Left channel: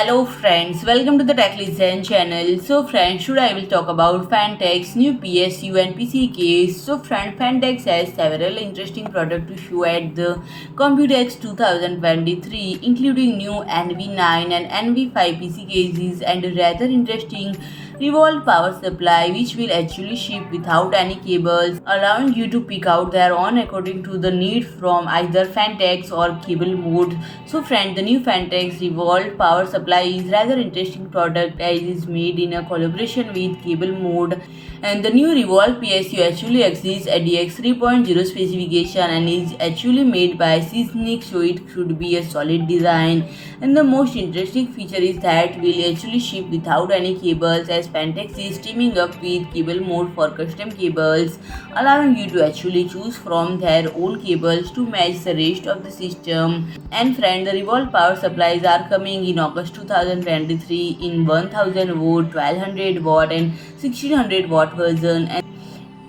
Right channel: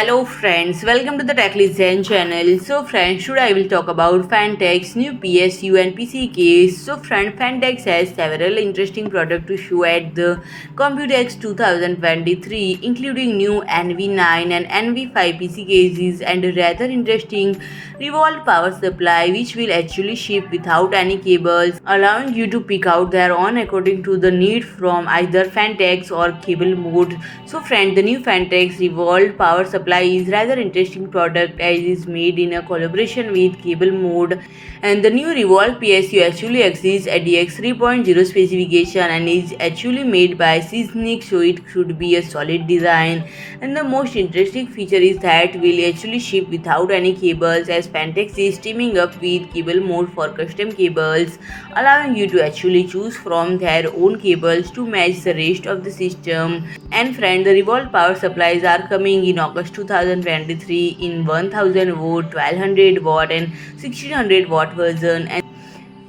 Hello friends, welcome to the TechListen channel. So friends, today I will talk about Phanteks new PSU and PC case. So friend, Phanteks has several interesting products to show at the Computex 2023, including new NV9 and NV5 PC cases and a rather interesting Revolt power supply which will actually ship without any cables, allowing you to pick out their own according to the need from either Phanteks or CableMod. So friend, the new Phanteks Revolt power supply is rather interesting product as it is made in a collaboration with CableMod, and the new Revolt PSU actually exceeds ATX 3.0 specification and is actually made by Seasonic, so it should be a solid design. And the most interesting feature is that will actually ship without any cables, as Phanteks is teaming up with CableMod for custom cables, allowing you to actually choose from their own cables to match the rest of the system. And friend, the Revolt power supplies are coming in August 2023 in 1000 watt, 1200 watt and 1600 watt version.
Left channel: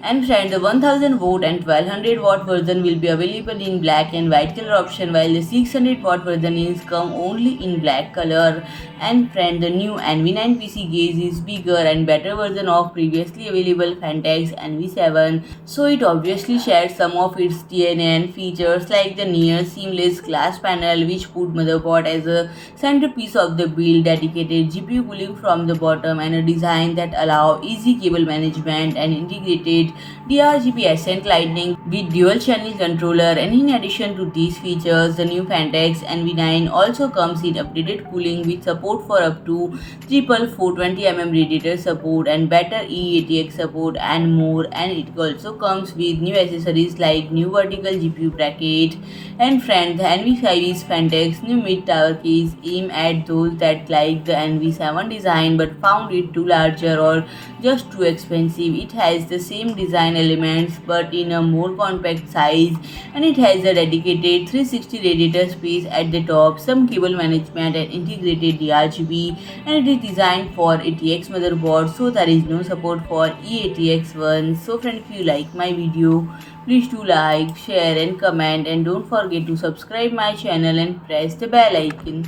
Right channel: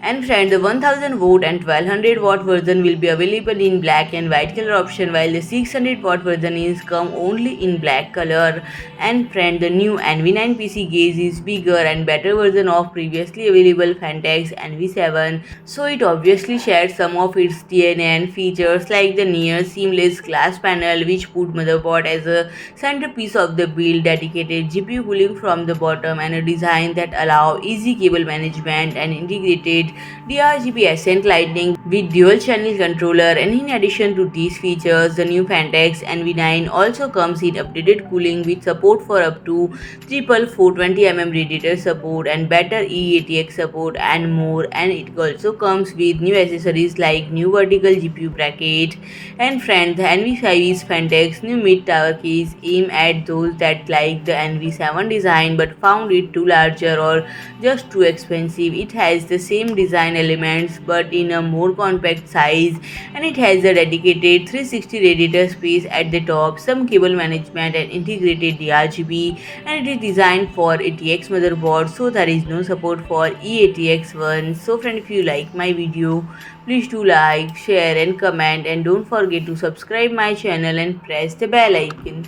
And friend, the 1000 watt and 1200 watt version will be available in black and white color option, while the 600 watt version is come only in black color. And friend, the new NV9 PC case is bigger and better version of previously available Phanteks NV7, so it obviously shares some of its DNA and features like the near seamless glass panel which put motherboard as a centerpiece of the build, dedicated GPU cooling from the bottom, and a design that allow easy cable management and integrated DRGB accent lighting with dual channel controller. And in addition to these features, the new Phanteks NV9 also comes in updated cooling with support for up to 420mm radiator support and better E-ATX support and more. And it also comes with new accessories like new vertical GPU bracket. And friend, the NV5 is Phanteks new mid-tower case aimed at those that like the NV7 design but found it too larger or just too expensive. It has the same design elements but in a more compact size, and it has a dedicated 360 radiator space at the top, some cable management and integrated DRGB, and it is designed for ATX motherboard, so there is no support for E-ATX one. So friend, if you like my video, please do like, share and comment, and don't forget to subscribe my channel and press the bell icon.